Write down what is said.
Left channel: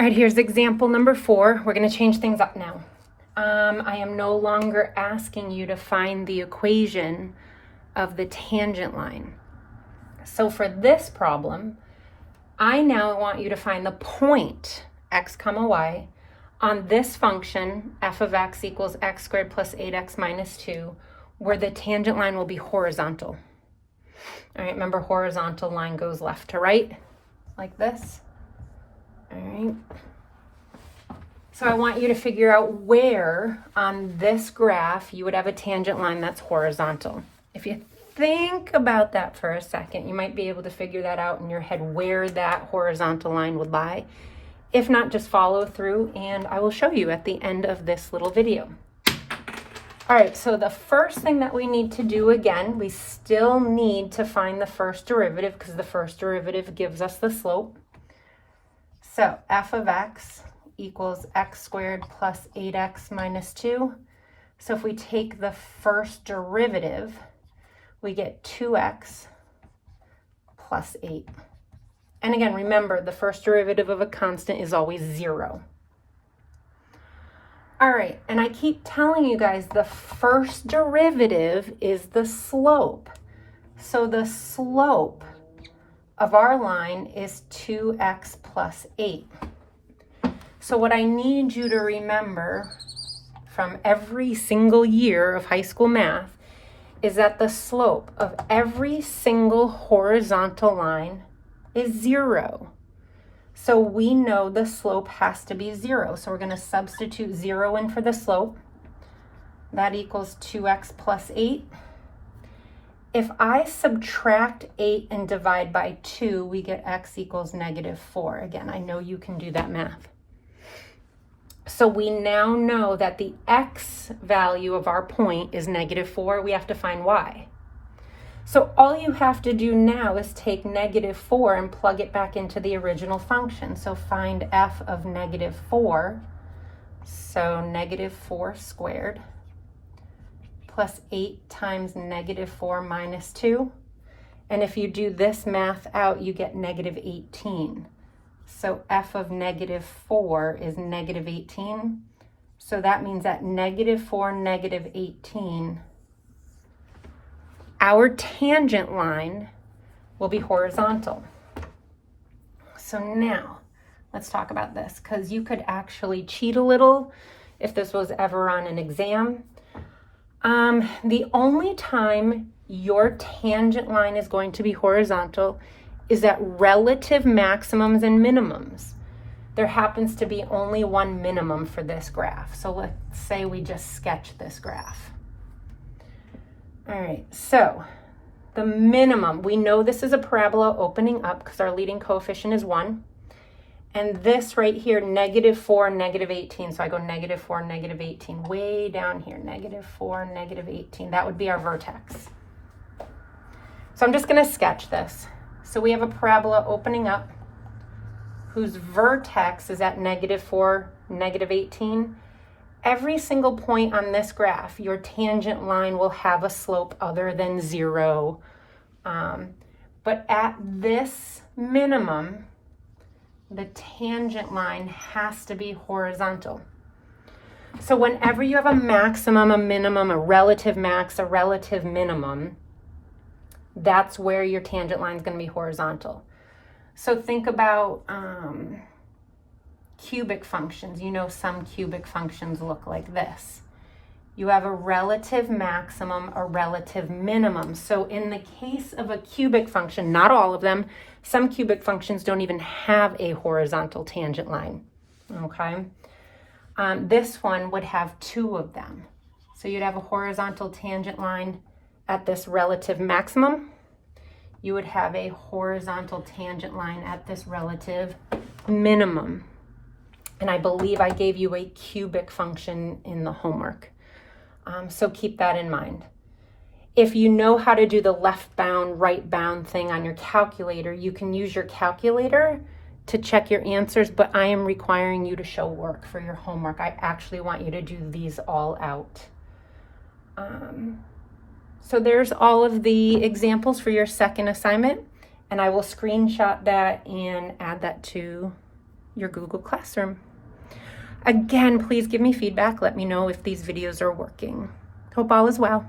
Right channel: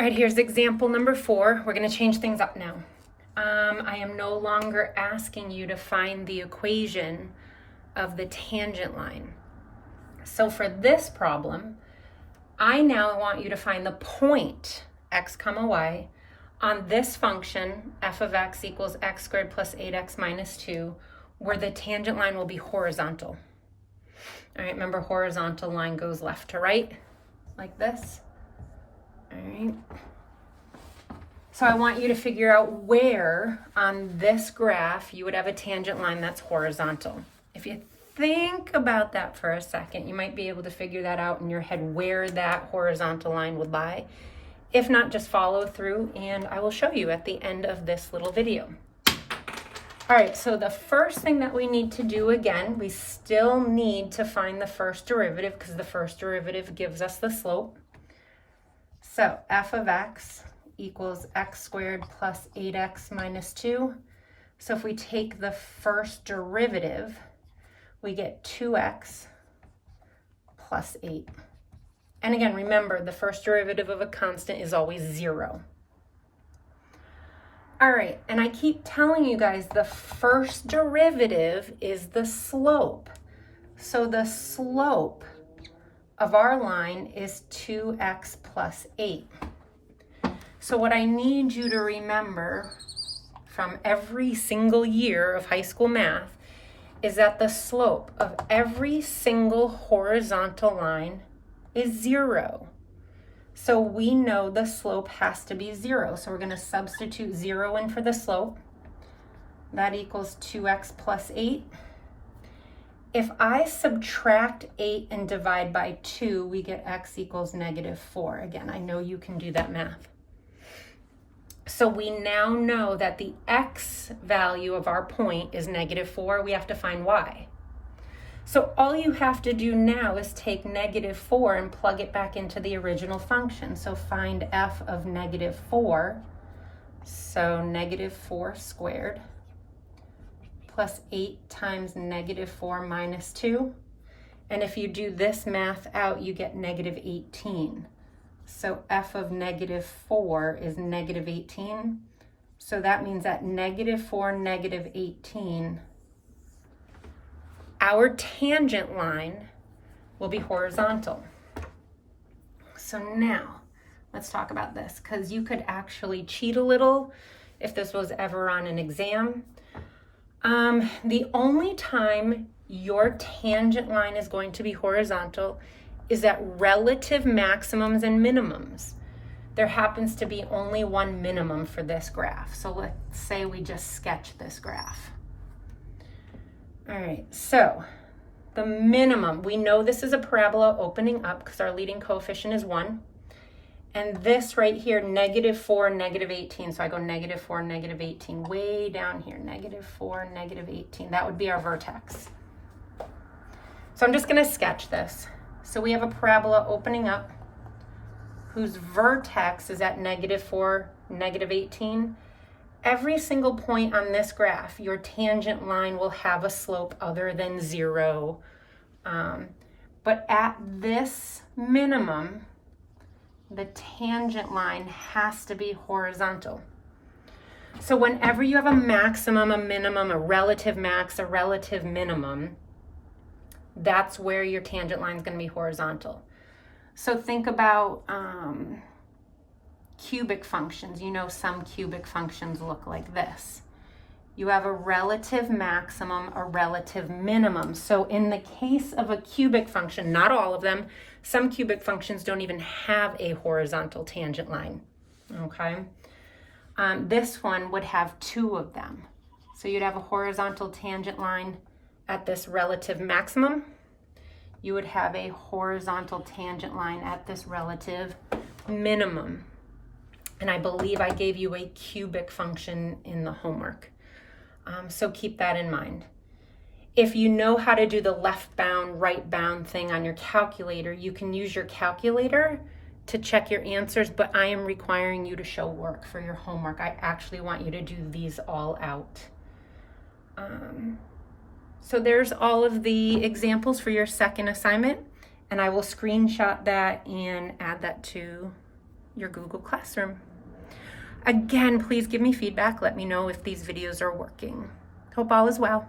All right, here's example number 4. We're going to change things up now. I am no longer asking you to find the equation of the tangent line. So for this problem, I now want you to find the point x comma y on this function f of x equals x squared plus 8x minus 2, where the tangent line will be horizontal. All right, remember horizontal line goes left to right, like this. All right. So I want you to figure out where on this graph you would have a tangent line that's horizontal. If you think about that for a second, you might be able to figure that out in your head where that horizontal line would lie. If not, just follow through and I will show you at the end of this little video. All right, so the first thing that we need to do, again, we still need to find the first derivative because the first derivative gives us the slope. So f of x equals x squared plus 8x minus 2. So if we take the first derivative, we get 2x plus 8. And again, remember, the first derivative of a constant is always 0. All right, and I keep telling you guys the first derivative is the slope. So the slope of our line is 2x plus 8. So what I need you to remember from every single year of high school math is that the slope of every single horizontal line is 0. So we know the slope has to be 0. So we're going to substitute 0 in for the slope. That equals 2x plus 8. If I subtract 8 and divide by 2, we get x equals negative 4. Again, I know you can do that math. So we now know that the x value of our point is negative 4. We have to find y. So all you have to do now is take negative 4 and plug it back into the original function. So find f of negative 4. So negative 4 squared plus 8 times negative 4 minus 2. And if you do this math out, you get negative 18. So f of negative 4 is negative 18. So that means at negative 4, negative 18, our tangent line will be horizontal. So now let's talk about this, because you could actually cheat a little if this was ever on an exam. The only time your tangent line is going to be horizontal is at relative maximums and minimums. There happens to be only one minimum for this graph. So let's say we just sketch this graph. All right, so the minimum, we know this is a parabola opening up because our leading coefficient is 1. And this right here, negative 4, negative 18. So I go negative 4, negative 18, way down here, negative 4, negative 18. That would be our vertex. So I'm just going to sketch this. So we have a parabola opening up whose vertex is at negative 4, negative 18. Every single point on this graph, your tangent line will have a slope other than 0. But at this minimum, the tangent line has to be horizontal. So whenever you have a maximum, a minimum, a relative max, a relative minimum, that's where your tangent line is going to be horizontal. So think about cubic functions. You know, some cubic functions look like this. You have a relative maximum, a relative minimum. So in the case of a cubic function, not all of them, some cubic functions don't even have a horizontal tangent line, okay? This one would have 2 of them. So you'd have a horizontal tangent line at this relative maximum. You would have a horizontal tangent line at this relative minimum. And I believe I gave you a cubic function in the homework. So keep that in mind. If you know how to do the left bound, right bound thing on your calculator, you can use your calculator to check your answers, but I am requiring you to show work for your homework. I actually want you to do these all out. So there's all of the examples for your second assignment, and I will screenshot that and add that to your Google Classroom. Again, please give me feedback. Let me know if these videos are working. Hope all is well.